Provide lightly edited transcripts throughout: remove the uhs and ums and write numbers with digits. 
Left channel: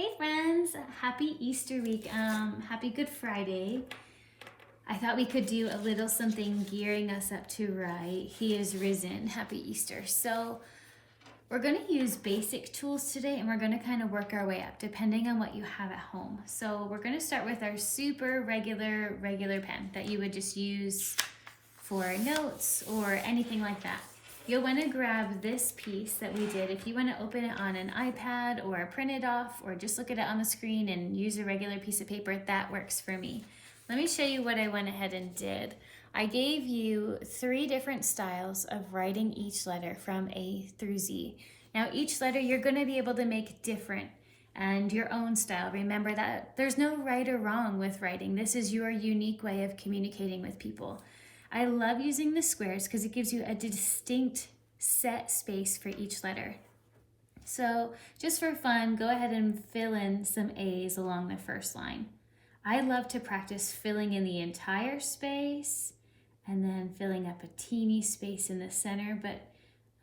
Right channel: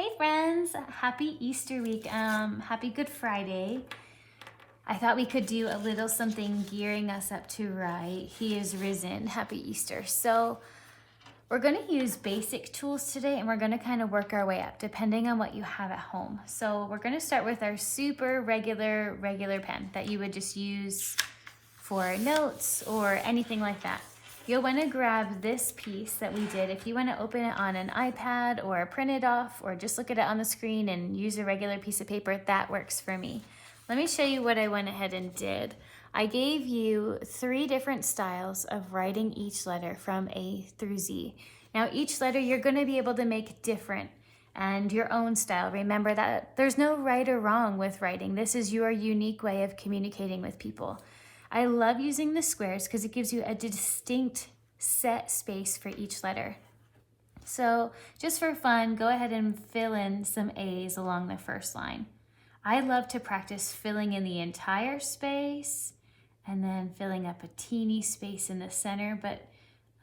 Hey friends, happy Easter week. Happy Good Friday. I thought we could do a little something gearing us up to right. He is risen. Happy Easter. So we're going to use basic tools today and we're going to kind of work our way up depending on what you have at home. So we're going to start with our super regular pen that you would just use for notes or anything like that. You'll want to grab this piece that we did. If you want to open it on an iPad or print it off or just look at it on the screen and use a regular piece of paper, that works for me. Let me show you what I went ahead and did. I gave you 3 different styles of writing each letter from A through Z. Now each letter you're going to be able to make different and your own style. Remember that there's no right or wrong with writing. This is your unique way of communicating with people. I love using the squares because it gives you a distinct set space for each letter. So just for fun, go ahead and fill in some A's along the first line. I love to practice filling in the entire space and then filling up a teeny space in the center, but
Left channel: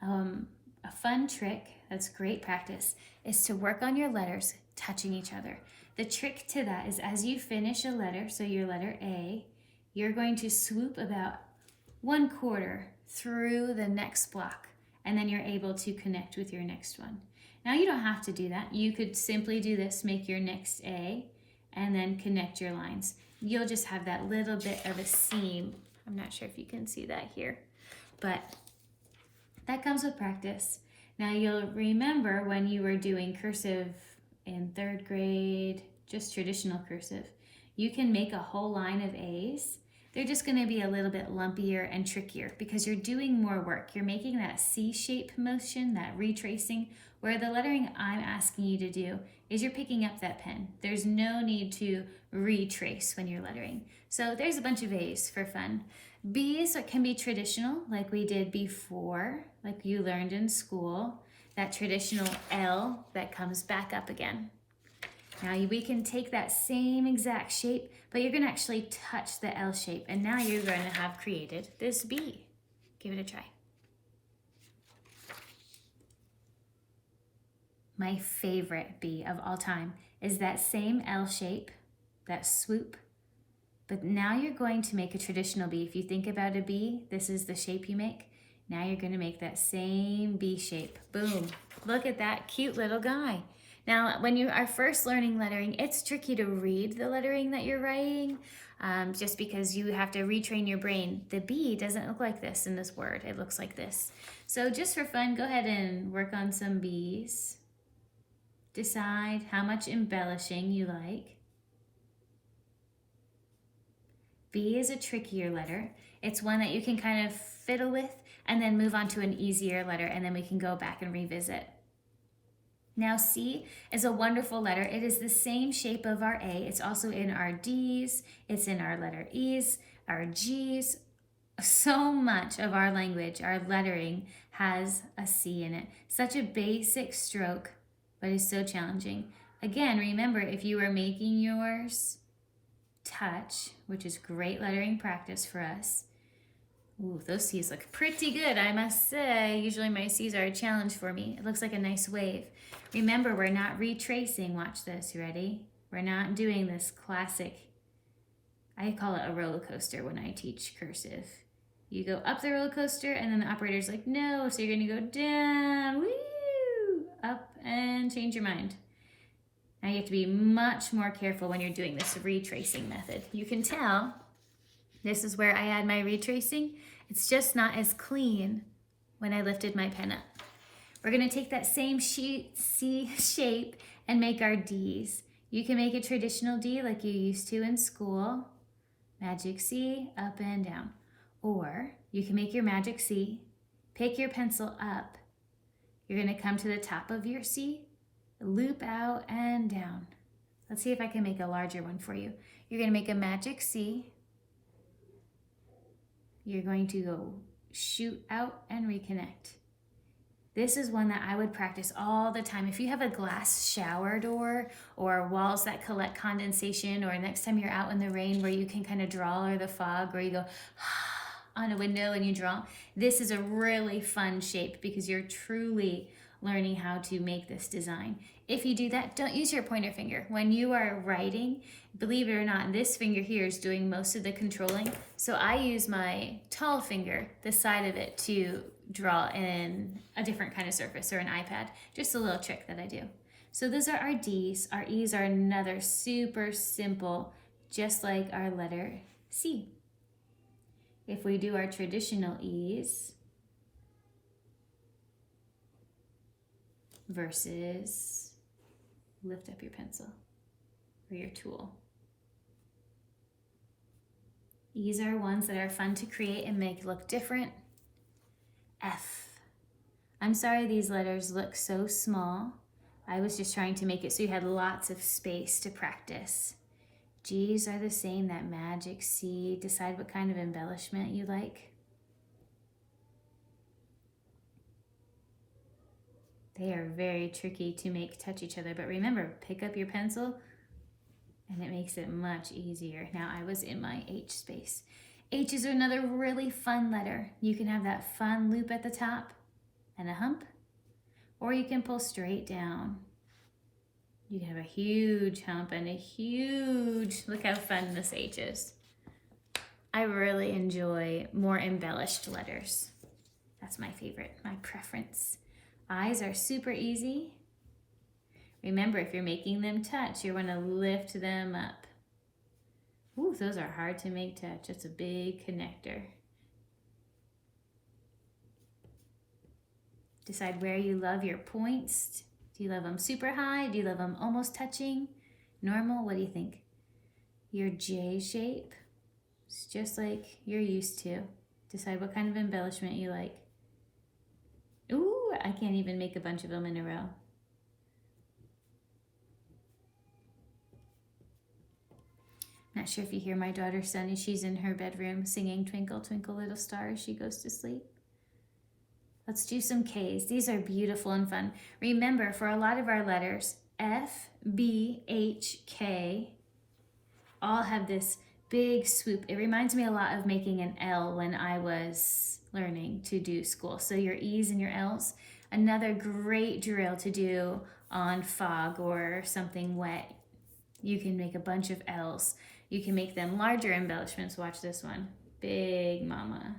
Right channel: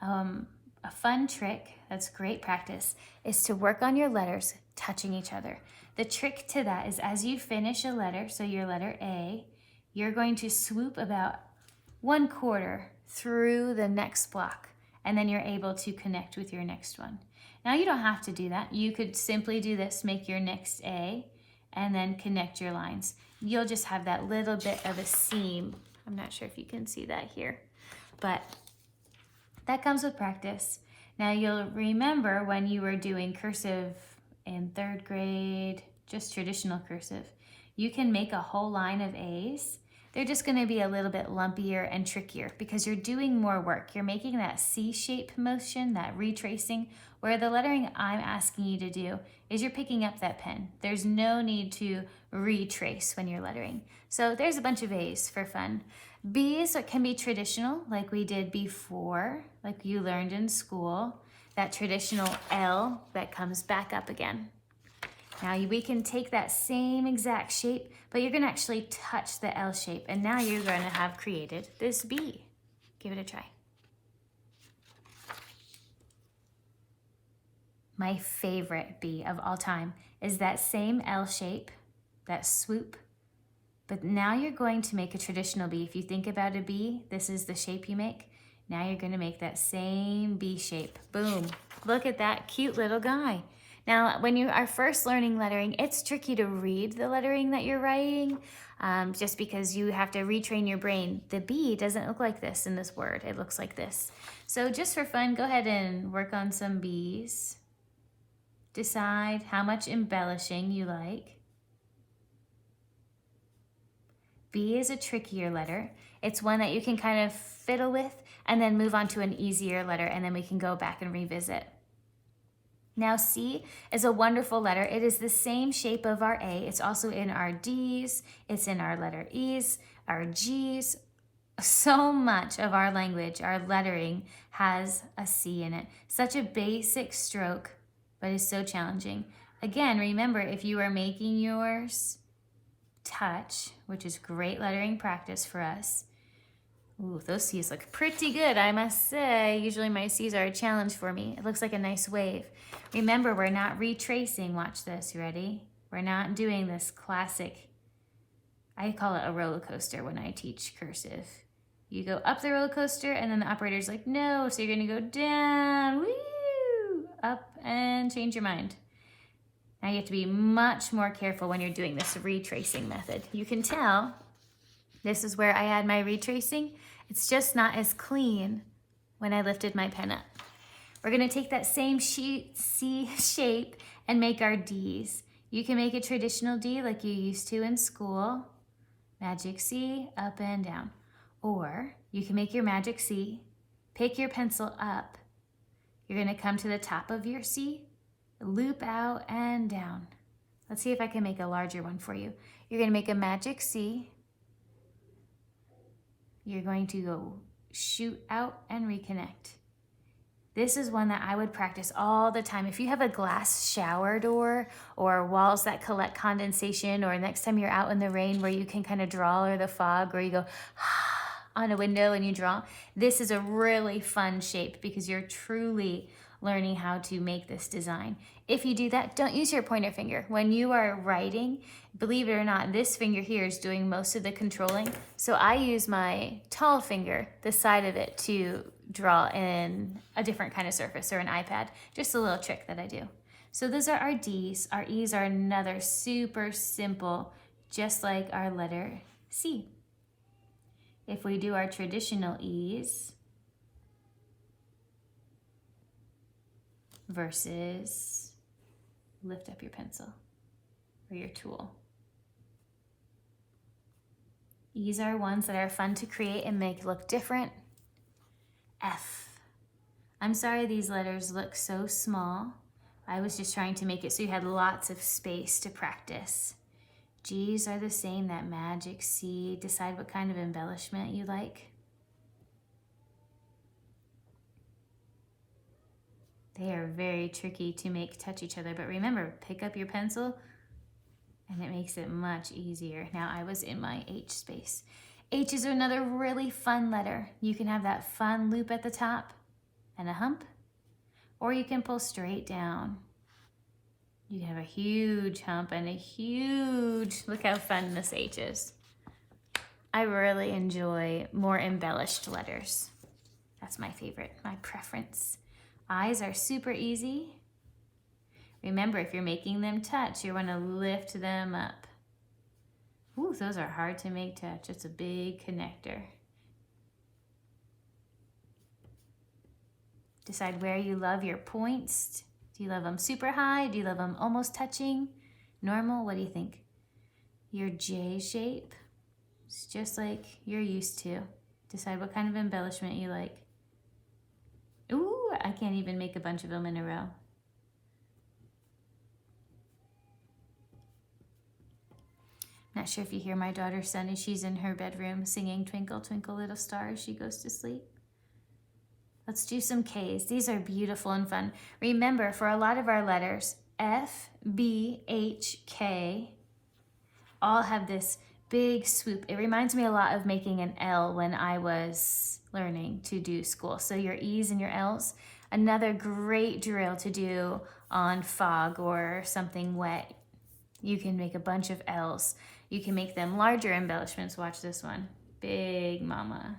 a fun trick that's great practice is to work on your letters touching each other. The trick to that is as you finish a letter, so your letter A, you're going to swoop about 1/4 through the next block, and then you're able to connect with your next one. Now you don't have to do that. You could simply do this, make your next A, and then connect your lines. You'll just have that little bit of a seam. I'm not sure if you can see that here, but that comes with practice. Now you'll remember when you were doing cursive in 3rd grade, just traditional cursive, you can make a whole line of A's. They're just going to be a little bit lumpier and trickier because you're doing more work. You're making that C-shape motion, that retracing, where the lettering I'm asking you to do is you're picking up that pen. There's no need to retrace when you're lettering. So there's a bunch of A's for fun. B's can be traditional, like we did before, like you learned in school, that traditional L that comes back up again. Now we can take that same exact shape, but you're going to actually touch the L shape, and now you're going to have created this B. Give it a try. My favorite B of all time is that same L shape, that swoop, but now you're going to make a traditional B. If you think about a B, this is the shape you make. Now you're going to make that same B shape. Boom. Look at that cute little guy. Now, when you are first learning lettering, it's tricky to read the lettering that you're writing just because you have to retrain your brain. The B doesn't look like this in this word. It looks like this. So just for fun, go ahead and work on some B's. Decide how much embellishing you like. B is a trickier letter. It's one that you can kind of fiddle with and then move on to an easier letter, and then we can go back and revisit. Now C is a wonderful letter. It is the same shape of our A. It's also in our D's. It's in our letter E's, our G's. So much of our language, our lettering, has a C in it. Such a basic stroke, but it's so challenging. Again, remember, if you are making yours touch, which is great lettering practice for us. Ooh, those C's look pretty good, I must say. Usually my C's are a challenge for me. It looks like a nice wave. Remember, we're not retracing. Watch this, ready? We're not doing this classic, I call it a roller coaster when I teach cursive. You go up the roller coaster and then the operator's like, no, so you're gonna go down, woo, up and change your mind. Now you have to be much more careful when you're doing this retracing method. You can tell this is where I add my retracing. It's just not as clean when I lifted my pen up. We're gonna take that same C shape and make our D's. You can make a traditional D like you used to in school. Magic C, up and down. Or you can make your magic C, pick your pencil up. You're gonna come to the top of your C, loop out and down. Let's see if I can make a larger one for you. You're gonna make a magic C. You're going to go shoot out and reconnect. This is one that I would practice all the time. If you have a glass shower door or walls that collect condensation, or next time you're out in the rain where you can kind of draw, or the fog where you go on a window and you draw, this is a really fun shape because you're truly learning how to make this design. If you do that, don't use your pointer finger. When you are writing, believe it or not, this finger here is doing most of the controlling. So I use my tall finger, the side of it, to draw in a different kind of surface or an iPad. Just a little trick that I do. So those are our D's. Our E's are another super simple, just like our letter C. If we do our traditional E's versus lift up your pencil or your tool. E's are ones that are fun to create and make look different. F. I'm sorry these letters look so small. I was just trying to make it so you had lots of space to practice. G's are the same, that magic C. Decide what kind of embellishment you like. They are very tricky to make touch each other, but remember, pick up your pencil and it makes it much easier. Now I was in my H space. H is another really fun letter. You can have that fun loop at the top and a hump, or you can pull straight down. You can have a huge hump and a huge, look how fun this H is. I really enjoy more embellished letters. That's my favorite, my preference. I's are super easy. Remember, if you're making them touch, you want to lift them up. Ooh, those are hard to make touch. It's a big connector. Decide where you love your points. Do you love them super high? Do you love them almost touching? Normal? What do you think? Your J shape is just like you're used to. Decide what kind of embellishment you like. Ooh, I can't even make a bunch of them in a row. Not sure if you hear my daughter Sunny. She's in her bedroom singing Twinkle, Twinkle, Little Star as she goes to sleep. Let's do some K's. These are beautiful and fun. Remember, for a lot of our letters, F, B, H, K, all have this big swoop. It reminds me a lot of making an L when I was learning to do school. So your E's and your L's, another great drill to do on fog or something wet. You can make a bunch of L's. You can make them larger embellishments. Watch this one. Big mama.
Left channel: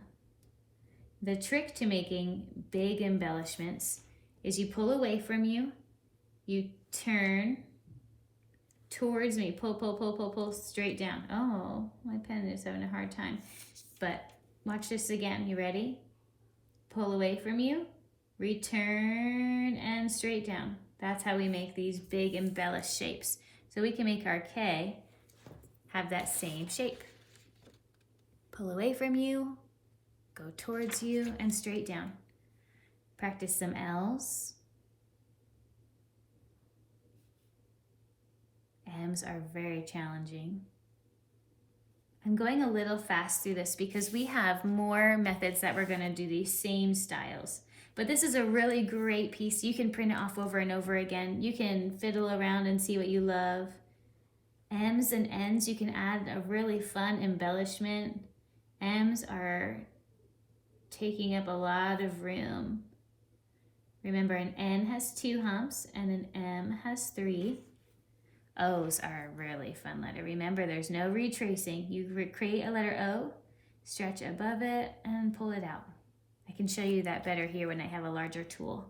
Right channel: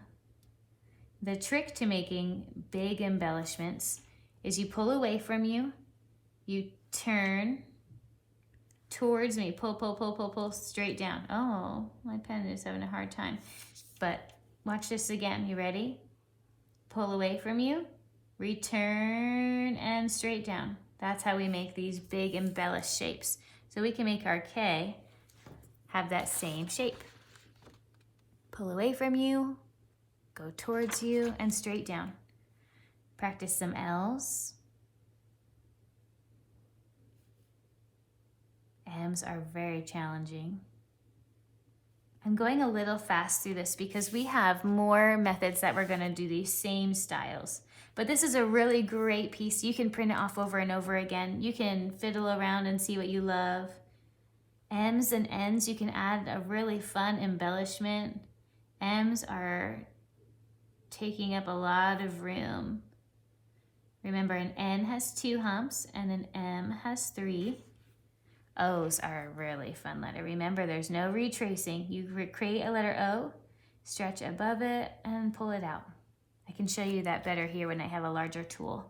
The trick to making big embellishments is you pull away from you, you turn towards me, pull, pull, pull, pull, pull straight down. Oh, my pen is having a hard time. But watch this again. You ready? Pull away from you, return, and straight down. That's how we make these big embellished shapes. So we can make our K have that same shape. Pull away from you, go towards you, and straight down. Practice some L's. M's are very challenging. I'm going a little fast through this because we have more methods that we're going to do these same styles. But this is a really great piece. You can print it off over and over again. You can fiddle around and see what you love. M's and N's, you can add a really fun embellishment. M's are taking up a lot of room. Remember, an N has 2 humps and an M has 3. O's are a really fun letter. Remember, there's no retracing. You create a letter O, stretch above it, and pull it out. I can show you that better here when I have a larger tool.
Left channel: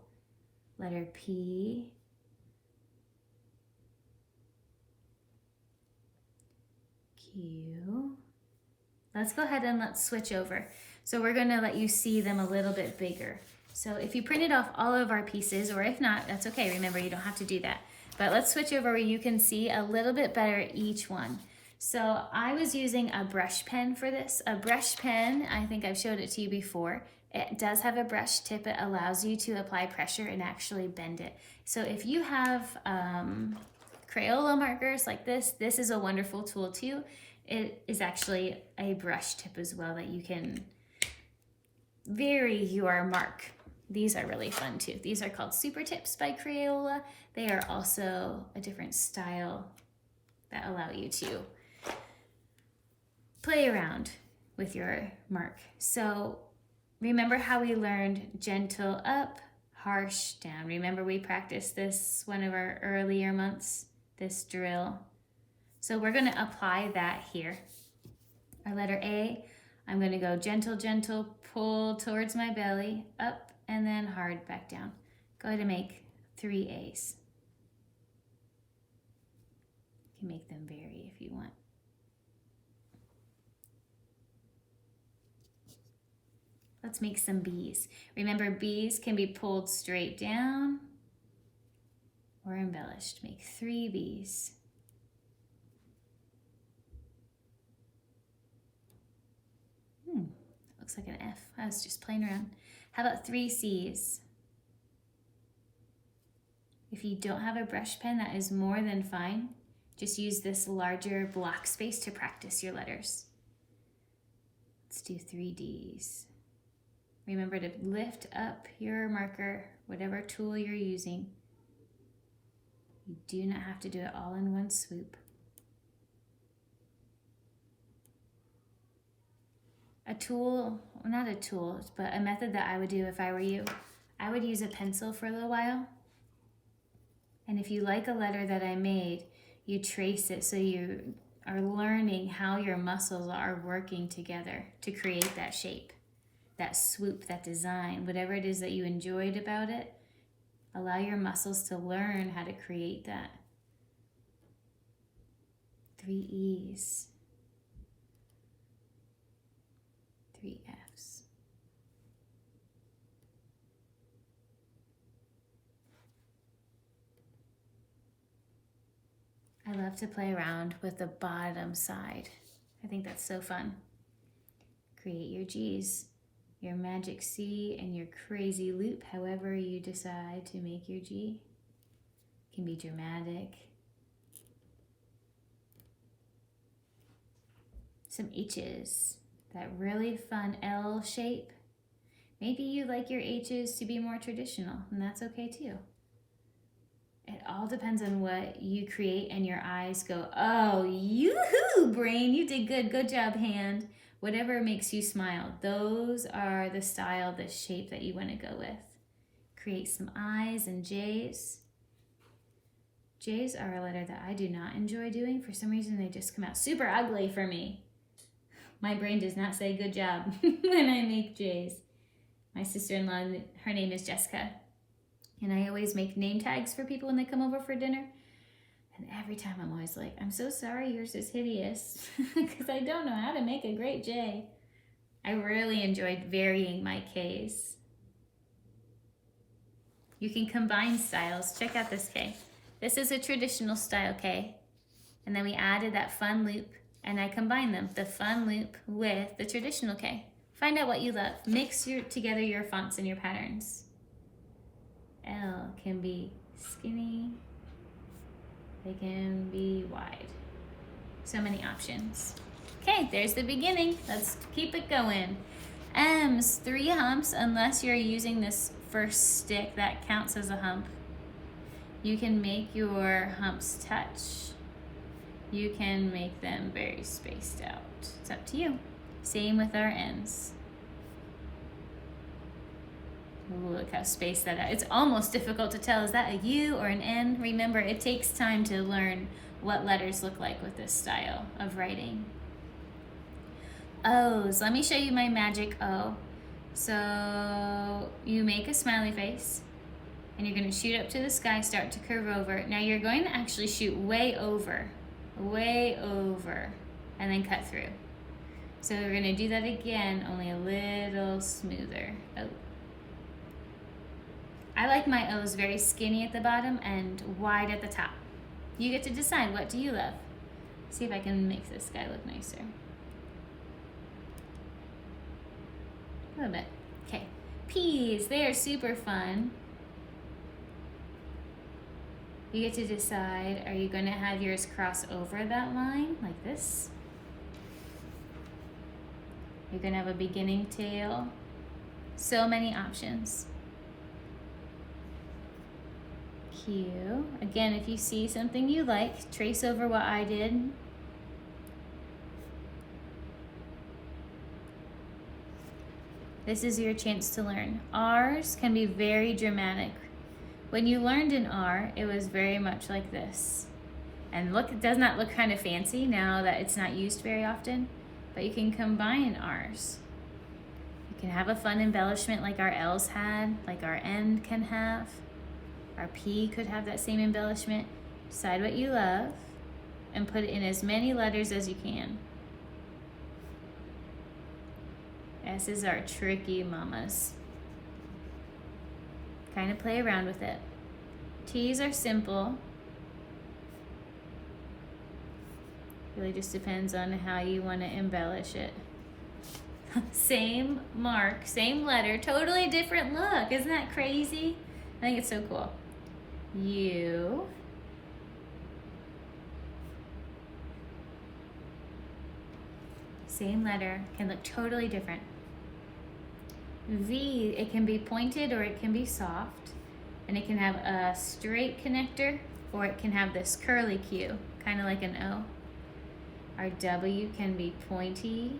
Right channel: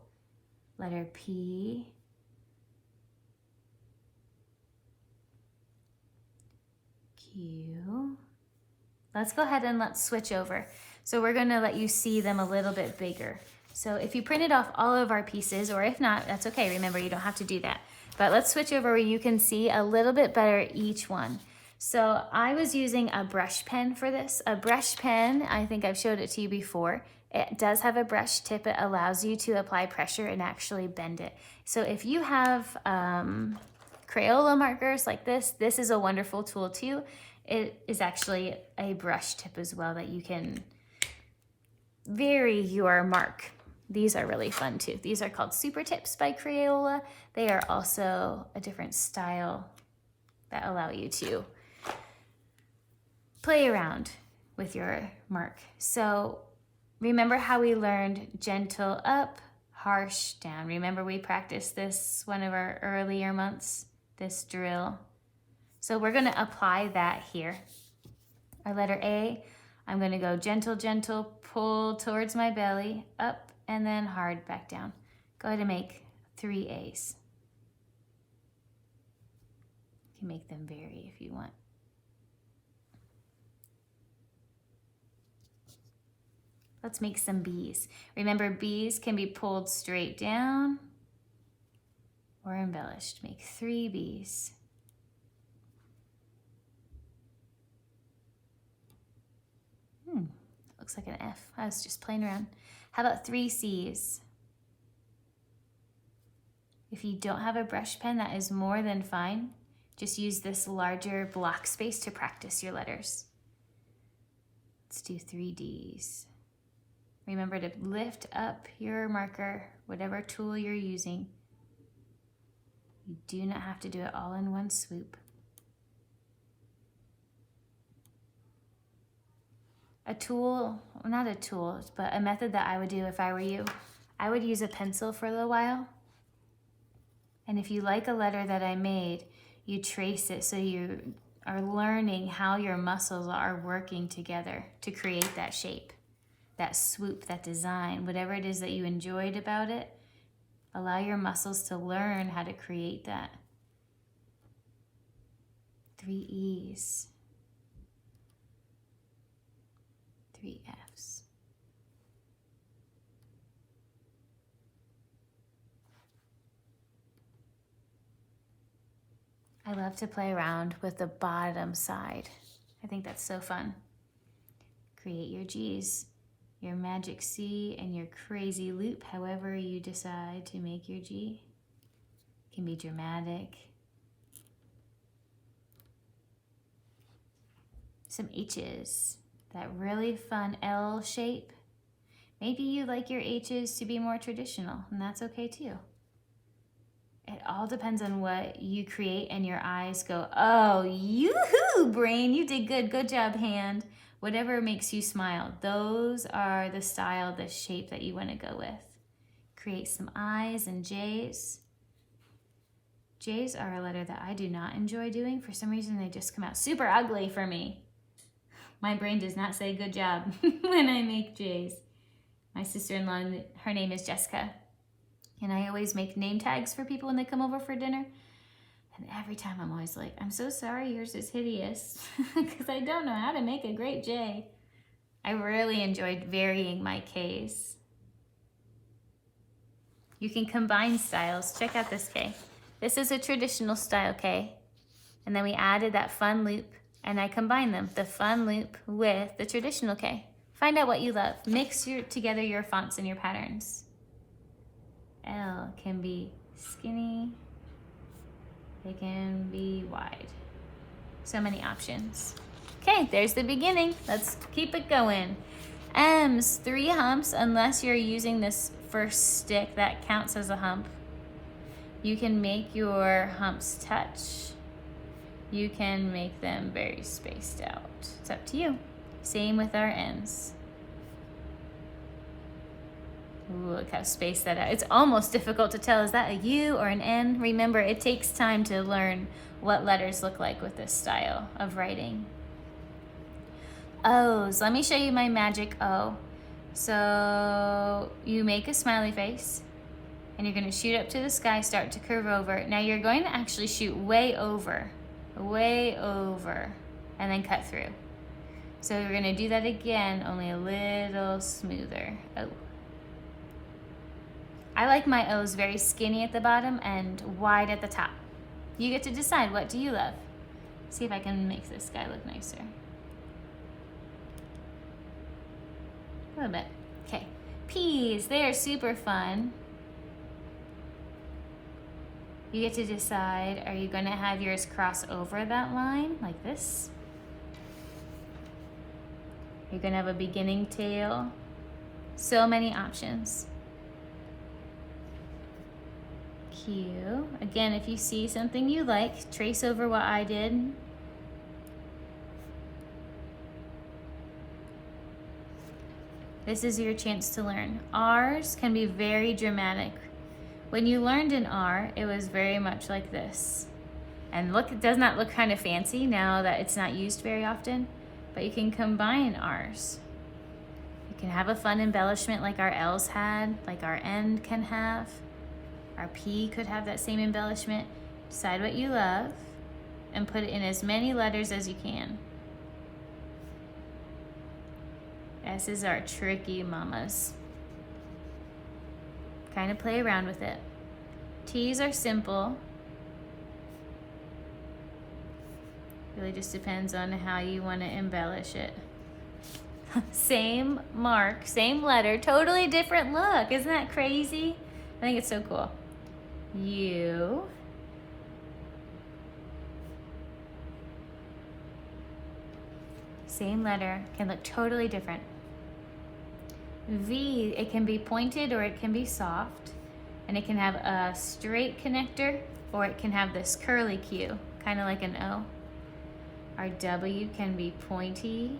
Letter P. Q. Let's go ahead and let's switch over. So we're going to let you see them a little bit bigger. So if you printed off all of our pieces, or if not, that's okay. Remember, you don't have to do that. But let's switch over where you can see a little bit better each one. So I was using a brush pen for this. A brush pen, I think I've showed it to you before. It does have a brush tip. It allows you to apply pressure and actually bend it. So if you have Crayola markers like this is a wonderful tool too. It is actually a brush tip as well that you can vary your mark. These are really fun too. These are called Super Tips by Crayola. They are also a different style that allow you to play around with your mark. So remember how we learned gentle up, harsh down. Remember we practiced this one of our earlier months, this drill. So we're gonna apply that here. Our letter A, I'm gonna go gentle, gentle, pull towards my belly, up, and then hard back down. Go ahead and make 3 A's. You can make them vary if you want. Let's make some B's. Remember, B's can be pulled straight down or embellished. Make 3 B's. Looks like an F. I was just playing around. How about 3 C's? If you don't have a brush pen, that is more than fine. Just use this larger block space to practice your letters. Let's do 3 D's. Remember to lift up your marker, whatever tool you're using. You do not have to do it all in one swoop. A tool, not a tool, but a method that I would do if I were you, I would use a pencil for a little while. And if you like a letter that I made, you trace it so you are learning how your muscles are working together to create that shape, that swoop, that design, whatever it is that you enjoyed about it. Allow your muscles to learn how to create that. 3 E's. 3 F's. I love to play around with the bottom side. I think that's so fun. Create your G's, your magic C, and your crazy loop, however you decide to make your G. It can be dramatic. Some H's. That really fun L shape. Maybe you like your H's to be more traditional, and that's okay too. It all depends on what you create and your eyes go, oh, yoo-hoo, brain, you did good. Good job, hand. Whatever makes you smile. Those are the style, the shape that you want to go with. Create some I's and J's. J's are a letter that I do not enjoy doing. For some reason, they just come out super ugly for me. My brain does not say good job when I make J's. My sister-in-law, her name is Jessica, and I always make name tags for people when they come over for dinner. And every time I'm always like, I'm so sorry yours is hideous because I don't know how to make a great J. I really enjoyed varying my K's. You can combine styles. Check out this K. This is a traditional style K. And then we added that fun loop, and I combined them, the fun loop with the traditional K. Find out what you love. Mix together your fonts and your patterns. L can be skinny. It can be wide. So many options. Okay, there's the beginning. Let's keep it going. M's, 3 humps, unless you're using this first stick that counts as a hump. You can make your humps touch. You can make them very spaced out. It's up to you. Same with our N's. Ooh, look how spaced that out. It's almost difficult to tell. Is that a U or an N? Remember, it takes time to learn what letters look like with this style of writing. O's. Let me show you my magic O. So you make a smiley face, and you're going to shoot up to the sky, start to curve over. Now you're going to actually shoot way over, and then cut through. So we're going to do that again, only a little smoother. Oh. I like my O's very skinny at the bottom and wide at the top. You get to decide, what do you love? See if I can make this guy look nicer. A little bit. Okay. P's, they are super fun. You get to decide, are you going to have yours cross over that line like this? You're going to have a beginning tail. So many options. Q. Again, if you see something you like, trace over what I did. This is your chance to learn. R's can be very dramatic. When you learned an R, it was very much like this. And look, it does not look kind of fancy now that it's not used very often, but you can combine R's. You can have a fun embellishment like our L's had, like our N can have. Our P could have that same embellishment. Decide what you love and put it in as many letters as you can. S's are tricky mamas. Kind of play around with it. T's are simple. Really just depends on how you want to embellish it. Same mark, same letter, totally different look. Isn't that crazy? I think it's so cool. U. Same letter, can look totally different. V, it can be pointed or it can be soft, and it can have a straight connector or it can have this curly Q, kind of like an O. Our W can be pointy,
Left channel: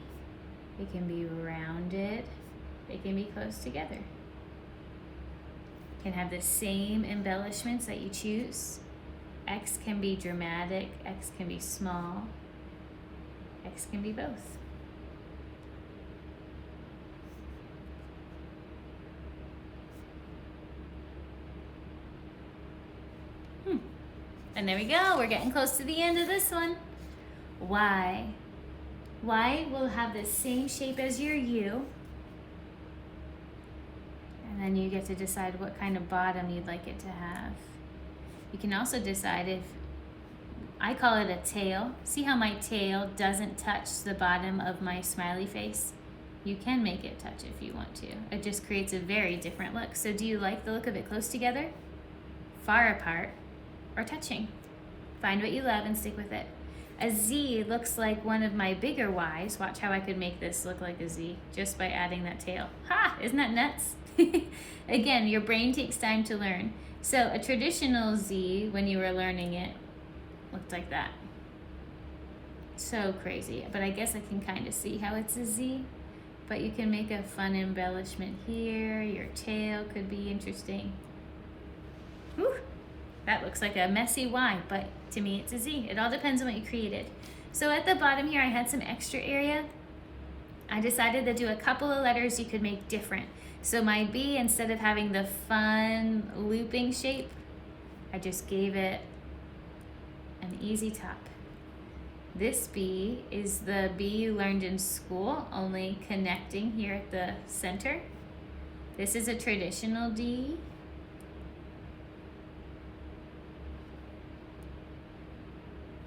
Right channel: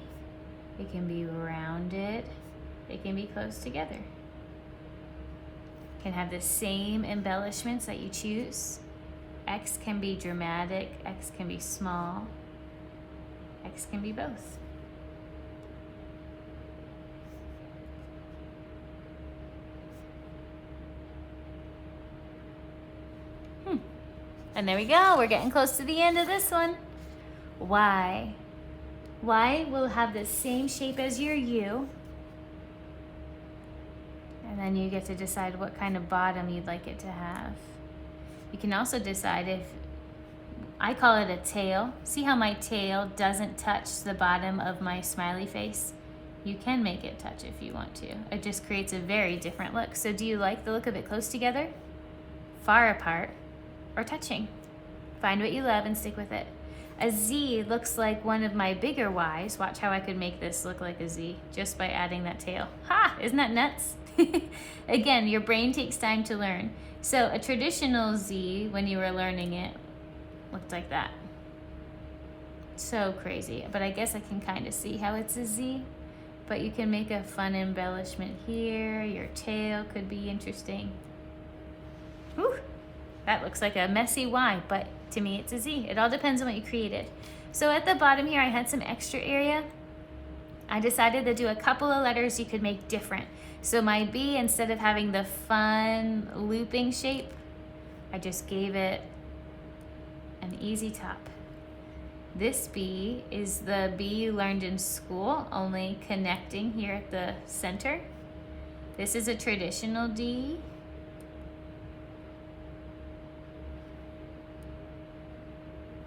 it can be rounded, it can be close together. It can have the same embellishments that you choose. X can be dramatic, X can be small, X can be both. And there we go, we're getting close to the end of this one. Y. Y will have the same shape as your U. And then you get to decide what kind of bottom you'd like it to have. You can also decide if, I call it a tail. See how my tail doesn't touch the bottom of my smiley face? You can make it touch if you want to. It just creates a very different look. So do you like the look of it close together, far apart, or touching? Find what you love and stick with it. A Z looks like one of my bigger Y's. Watch how I could make this look like a Z just by adding that tail. Ha! Isn't that nuts? Again, your brain takes time to learn. So a traditional Z, when you were learning it, looked like that. So crazy. But I guess I can kind of see how it's a Z. But you can make a fun embellishment here. Your tail could be interesting. Whew. That looks like a messy Y, but to me it's a Z. It all depends on what you created. So at the bottom here, I had some extra area. I decided to do a couple of letters you could make different. So my B, instead of having the fun looping shape, I just gave it an easy top. This B is the B you learned in school, only connecting here at the center. This is a traditional D.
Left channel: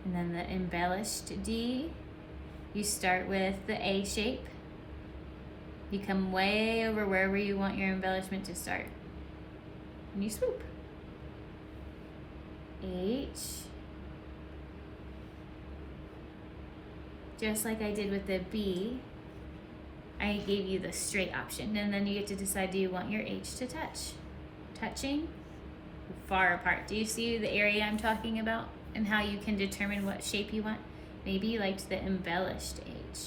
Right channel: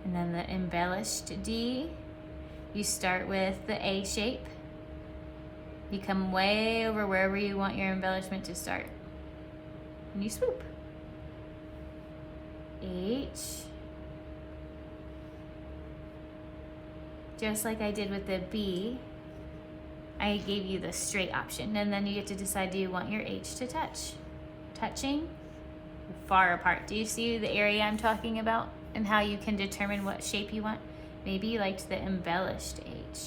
And then the embellished D, you start with the A shape. You come way over wherever you want your embellishment to start. And you swoop. H. Just like I did with the B, I gave you the straight option. And then you get to decide, do you want your H to touch? Touching, far apart. Do you see the area I'm talking about? And how you can determine what shape you want. Maybe you liked the embellished H.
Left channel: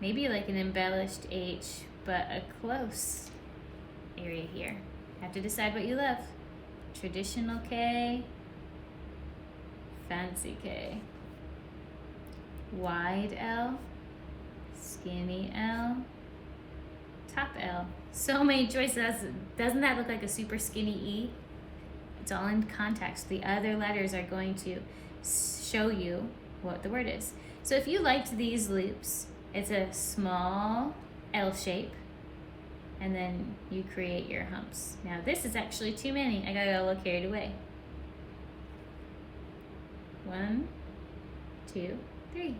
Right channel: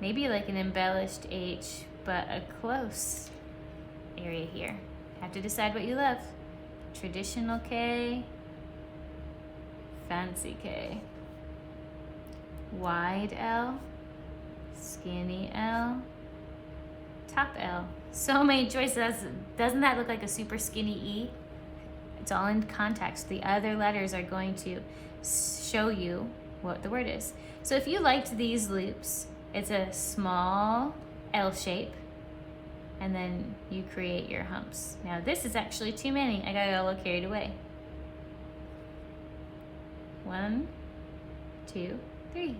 Maybe you like an embellished H, but a close area here. Have to decide what you love. Traditional K, fancy K. Wide L, skinny L, top L. So many choices. Doesn't that look like a super skinny E? It's all in context. The other letters are going to show you what the word is. So if you liked these loops, it's a small L shape, and then you create your humps. Now this is actually too many. I got a little carried away. 1, 2, 3.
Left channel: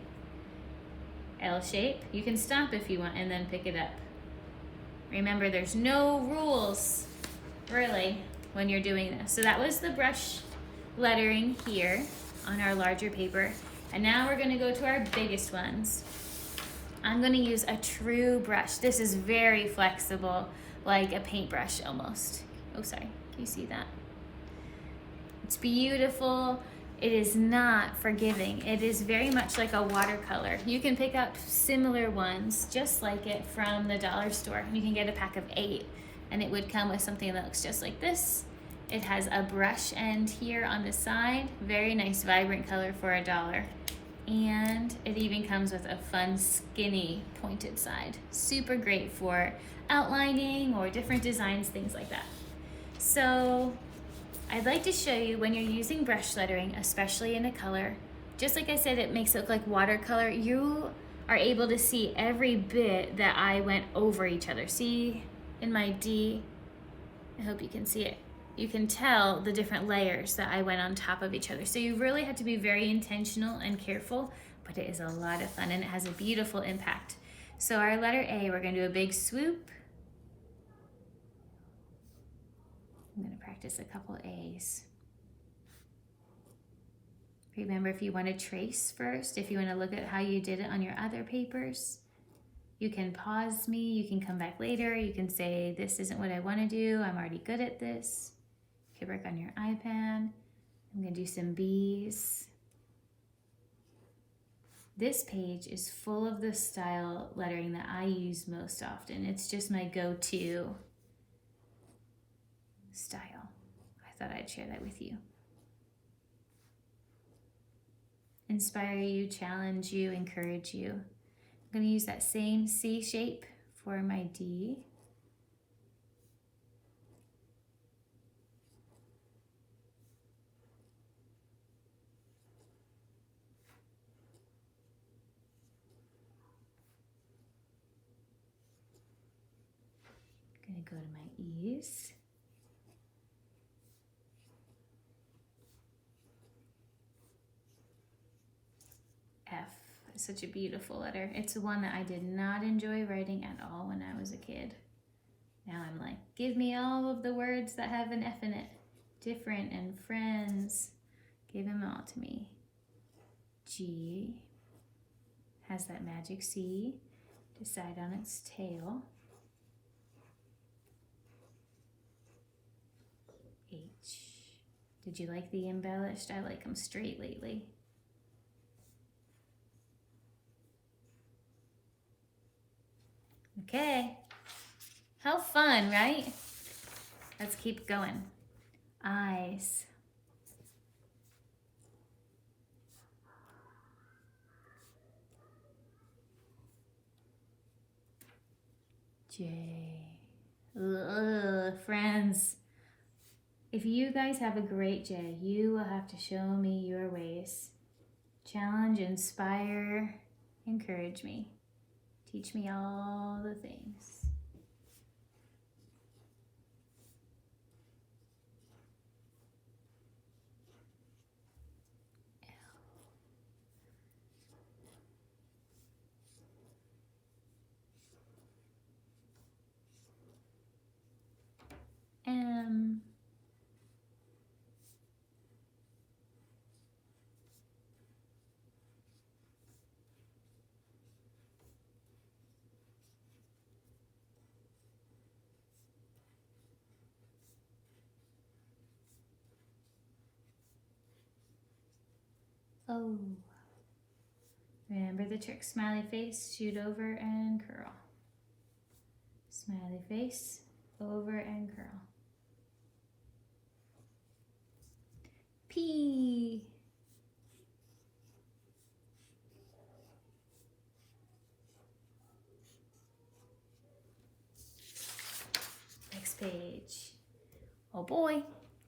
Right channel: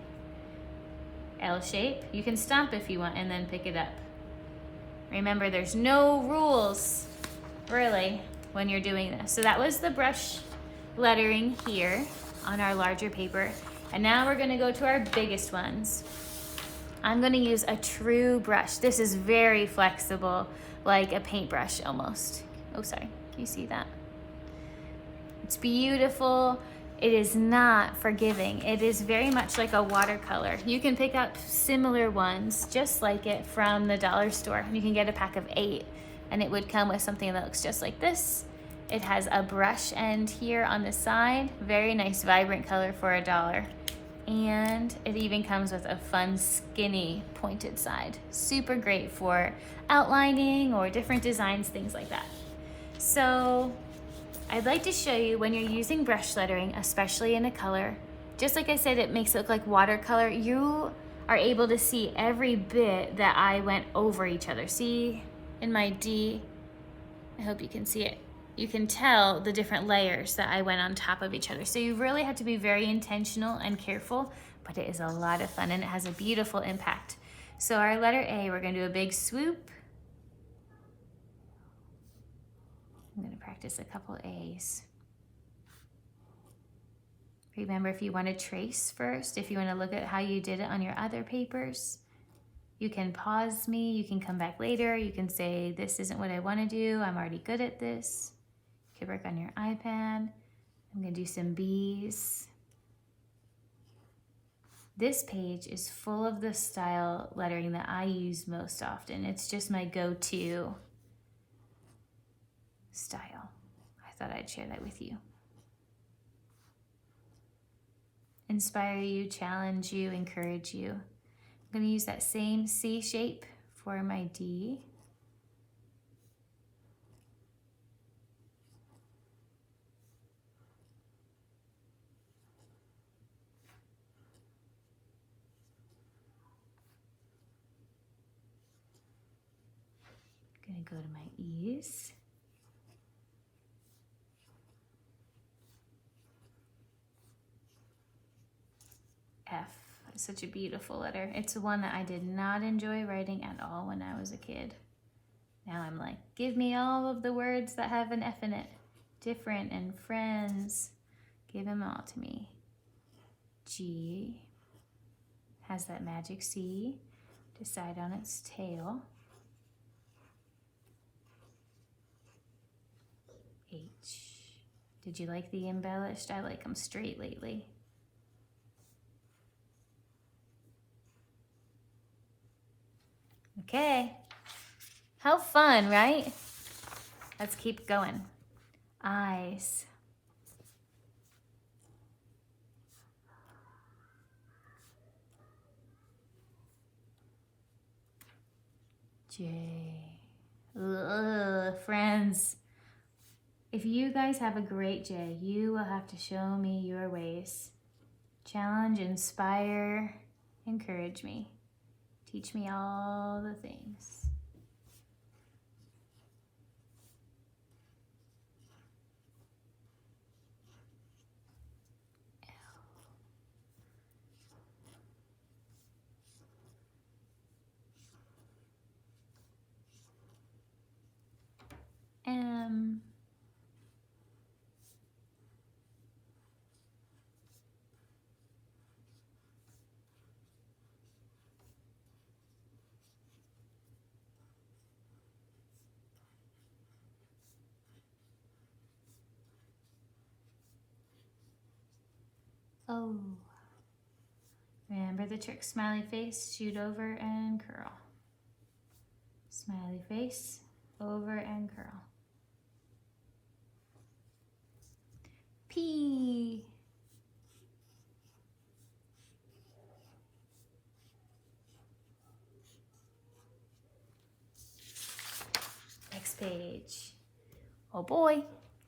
L shape. You can stomp if you want and then pick it up. Remember, there's no rules, really, when you're doing this. So that was the brush lettering here on our larger paper. And now we're gonna go to our biggest ones. I'm gonna use a true brush. This is very flexible, like a paintbrush almost. Oh, sorry, can you see that? It's beautiful. it is not forgiving. It is very much like a watercolor. You can pick up similar ones just like it from the dollar store. You can get a pack of 8 and it would come with something that looks just like this. It has a brush end here on the side. Very nice vibrant color for $1. And it even comes with a fun skinny pointed side. Super great for outlining or different designs, things like that. So I'd like to show you when you're using brush lettering, especially in a color, just like I said, it makes it look like watercolor, you are able to see every bit that I went over each other. See in my D, I hope you can see it. You can tell the different layers that I went on top of each other. So you really have to be very intentional and careful, but it is a lot of fun and it has a beautiful impact. So our letter A, we're gonna do a big swoop. I'm gonna practice a couple A's. Remember, if you wanna trace first, if you wanna look at how you did it on your other papers, you can pause me, you can come back later, you can say, this isn't what I wanna do, I'm already good at this. You can work on your iPad. I'm gonna do some B's. This page is full of the style lettering that I use most often. It's just my go-to style. I thought I'd share that with you. Inspire you, challenge you, encourage you. I'm going to use that same C shape for my D. I'm going to go to my E's. F is such a beautiful letter. It's one that I did not enjoy writing at all when I was a kid. Now I'm like, give me all of the words that have an F in it. Different and friends. Give them all to me. G has that magic C. Decide on its tail. H. Did you like the embellished? I like them straight lately. Okay, how fun, right? Let's keep going. Eyes. J. Ugh, friends. If you guys have a great J, you will have to show me your ways. Challenge, inspire, encourage me. Teach me all the things. M. O. Remember the trick, smiley face, shoot over and curl. Smiley face, over and curl. P. Next page. Oh boy.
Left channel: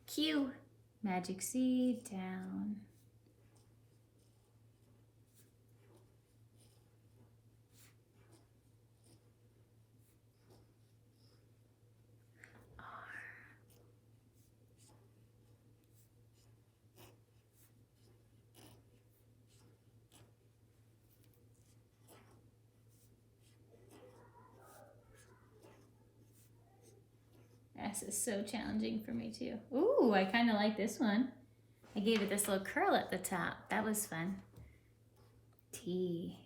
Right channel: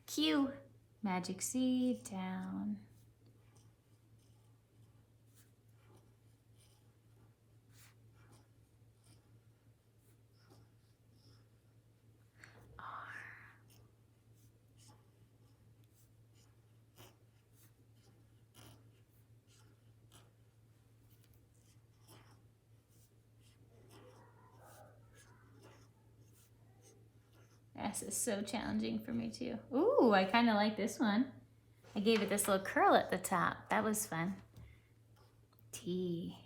Q. Magic C, down. This is so challenging for me too. Ooh, I kind of like this one. I gave it this little curl at the top. That was fun. T.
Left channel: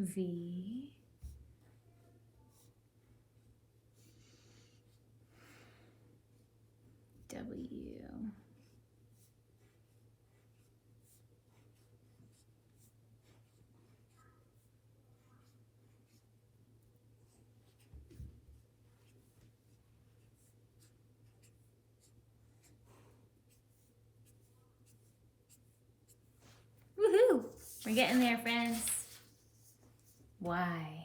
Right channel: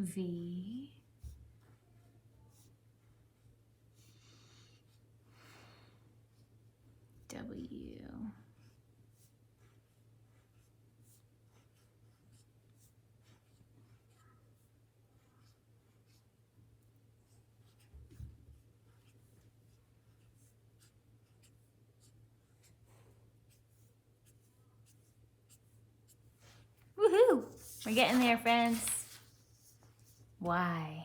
V, W, woohoo! We're getting there, friends. Y.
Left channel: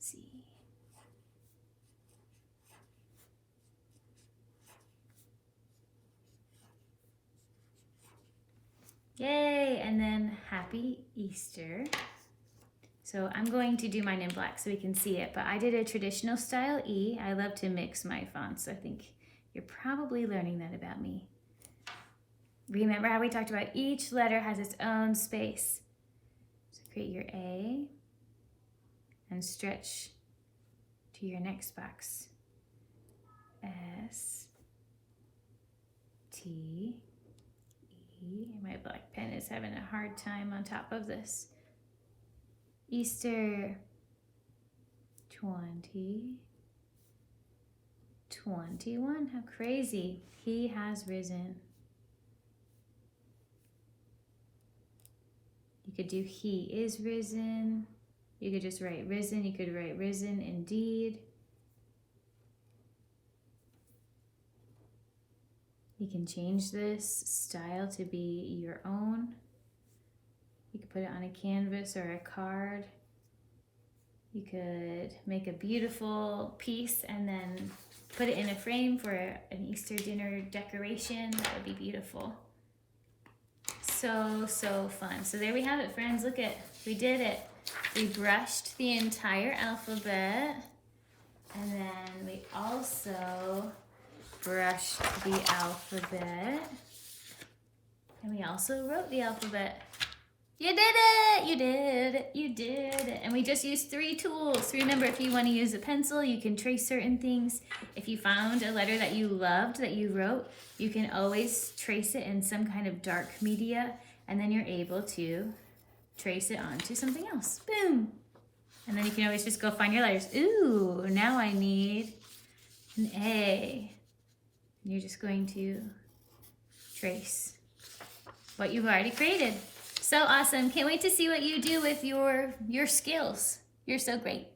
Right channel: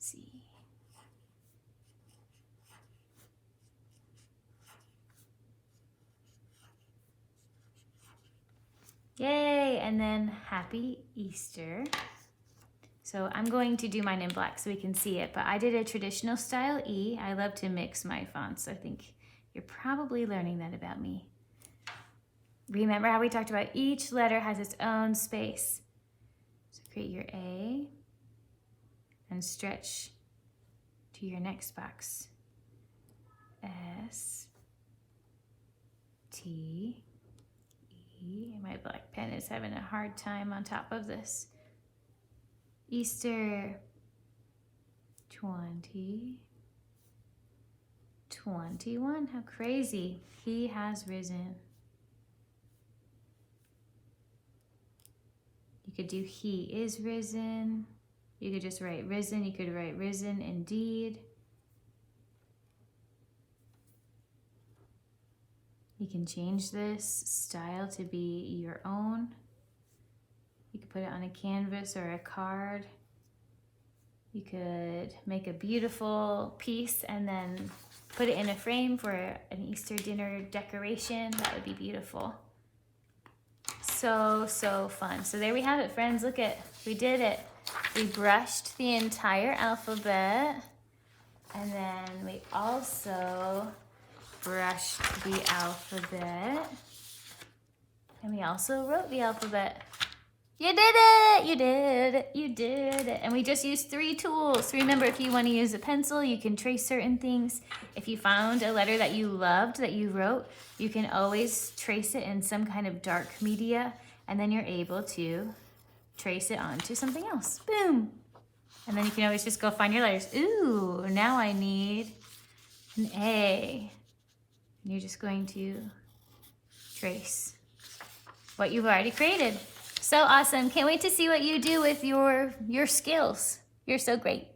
Z. Yay! And then happy Easter. So I'm going to do mine in black so we can see it, but I did a traditional style E. I love to mix my fonts. I think you're probably learning that about me. Remember how we talked about each letter has its own space. So create your A and stretch to your next box. S, T, E. My black pen is having a hard time on top of this. Easter 2021. How crazy. He has risen. You could do he is risen. You could just write risen. You could write risen indeed. You can change this style to be your own. You could put it on a canvas or a card. You could make a beautiful piece and then put it in a frame for an Easter dinner decoration. That would be beautiful. So, so fun. So there we have it, friends. Look at, we did it. We brushed the entire alphabet, and then we also brushed the alphabet, and we also wrote the alphabet. You did it! You did it! You did it! And we just used 3 tools. Remember, if you want to use a pencil, you can trace certain things. If you found a letter that you loved that you wrote, you can always trace it in some kind of dark media, and then you're able to trace it onto something else. Boom! And then you can always just go find your letters. Ooh, now I need an A. You're just going to trace what you've already created. So awesome. Can't wait to see what you do with your skills. You're so great.